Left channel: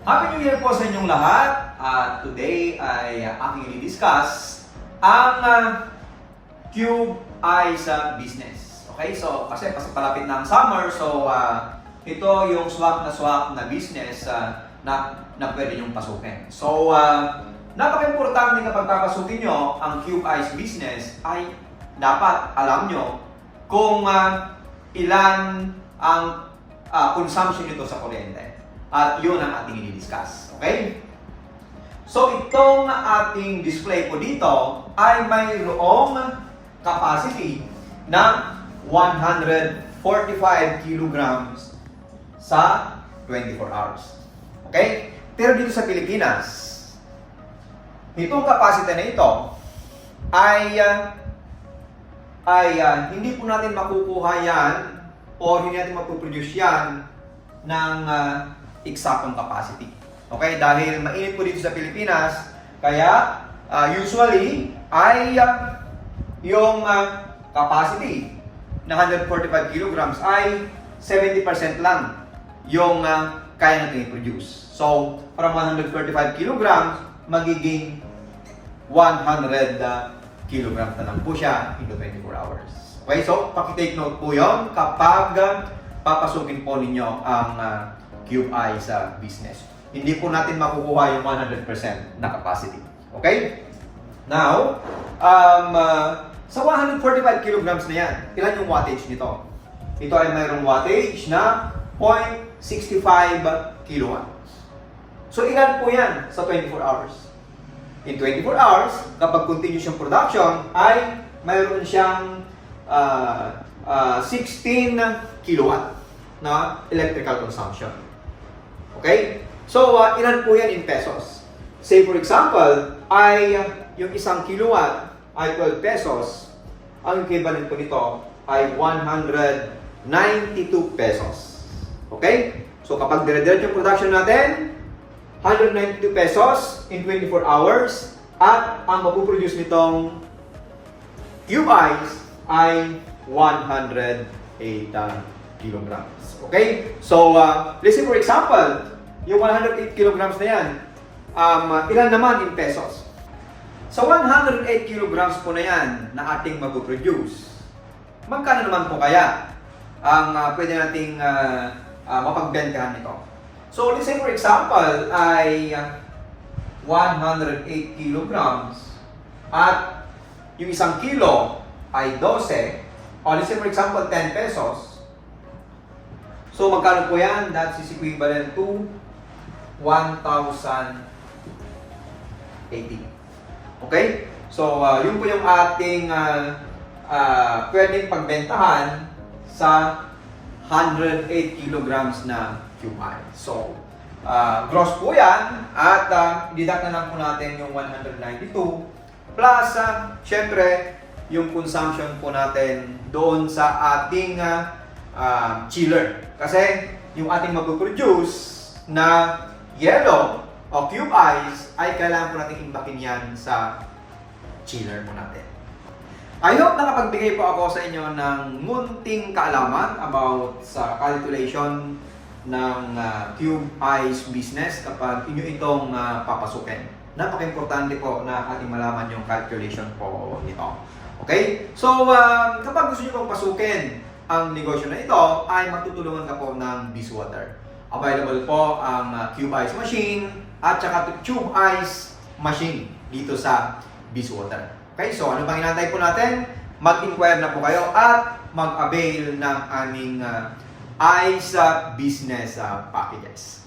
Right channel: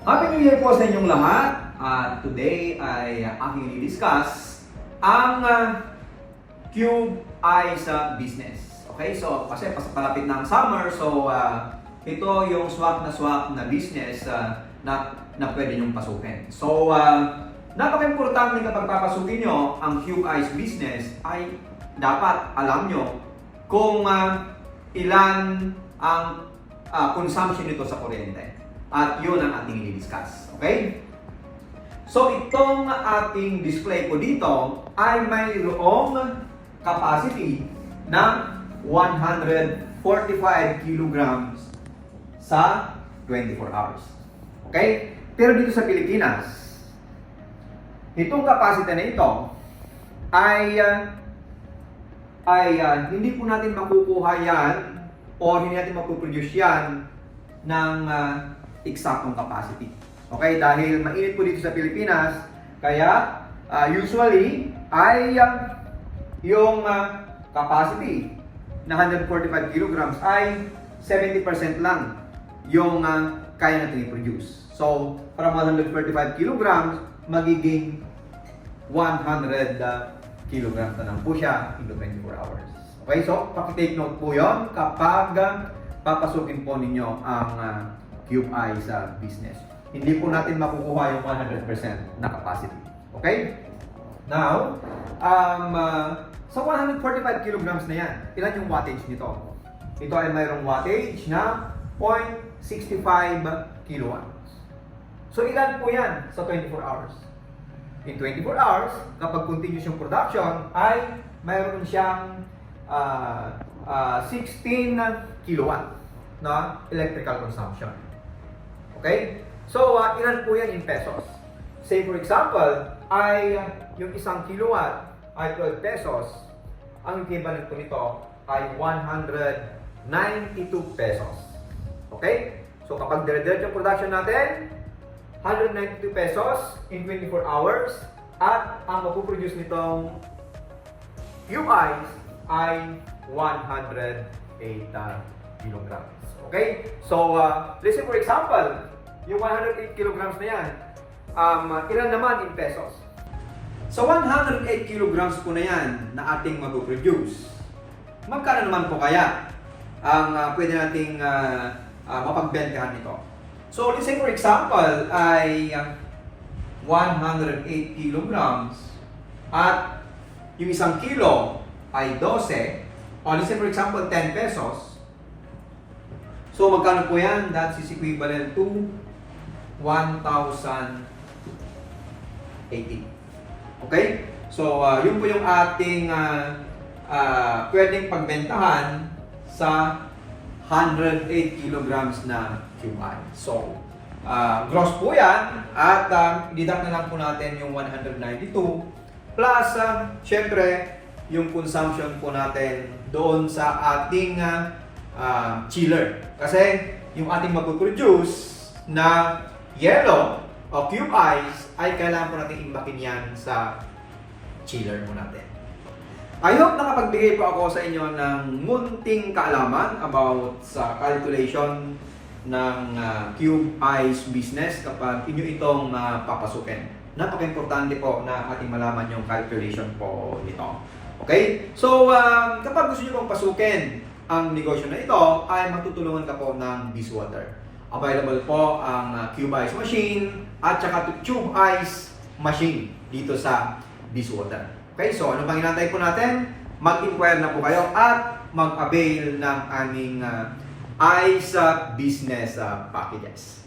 Happy New Year po sa inyong lahat. Today ay aking i-discuss ang Cube Eyes business. Okay, so kasi palapit na ang summer, so ito yung swak na business na pwede nyong pasukin. So, napaka-importante kapag papasukin nyo ang Cube Eyes business ay dapat alam nyo kung ilan ang consumption nito sa kuryente. At yun ang ating i-discuss. Okay? So, itong ating display po dito ay mayroong capacity ng 145 kilograms sa 24 hours. Okay? Pero dito sa Pilipinas, itong capacity na ito ay hindi po natin makukuha yan o hindi natin mapuproduce yan ng eksaktong capacity. Okay? Dahil mainit po dito sa Pilipinas, kaya usually ay yung capacity na 145 kilograms ay 70% lang yung kaya natin i-produce. So, from 135 kilograms, magiging 100 kilograms na lang po siya into 24 hours. Okay, so paki-take note po yon kapag papasukin po ninyo ang Cube Eyes business. Hindi po natin makukuha yung 100% na capacity. Okay? Now, sa 145 kilograms na yan, ilan yung wattage nito? Ito ay mayroong wattage na 0.65 kilowatts. So, ilan po yan sa 24 hours? In 24 hours, kapag continuous yung production, ay mayroon siyang 16 kilowatt na electrical consumption. Okay? So, ilan po yan in pesos? Say for example, ay yung isang kilowatt ay 12 pesos. Ang equivalent po nito ay 192 pesos. Okay? So, kapag dire-diretso yung production natin, 192 pesos in 24 hours at ang mapuproduce nitong Cube Eyes ay 108 kilograms. Okay? So, let's say for example, yung 108 kilograms na yan, ilan naman in pesos? Sa 108 kilograms po na yan na ating mapuproduce, magkano naman po kaya ang pwede nating mapagbentahan nito? So, let's say for example, ay 108 kilograms at yung isang kilo ay 12, o let's say for example, 10 pesos. So, magkano po yan? That is equivalent to 1,080. Okay? So, yun po yung ating pwedeng pagbentahan sa 108 kilograms na Cube Eyes. So, gross po yan at deduct na lang po natin yung 192 plus, syempre, yung consumption po natin doon sa ating chiller. Kasi yung ating mapuproduce na yellow o Cube Eyes ay kailangan po natin imbakin yan sa chiller mo natin. I hope nakapagbigay po ako sa inyo ng munting kaalaman about sa calculation ng Cube Eyes business kapag inyo itong papasukin. Napaka-importante po na ating malaman yung calculation po nito. Okay? So, kapag gusto nyo pong pasukin ang negosyo na ito, ay magtutulungan ka po ng Bizwater. Available po ang Cube Eyes machine at saka Tube Eyes machine dito sa Bizwater. Okay? So, ano bang inantay po natin? Mag-inquire na po kayo at mag-avail ng aming Eyes business packages.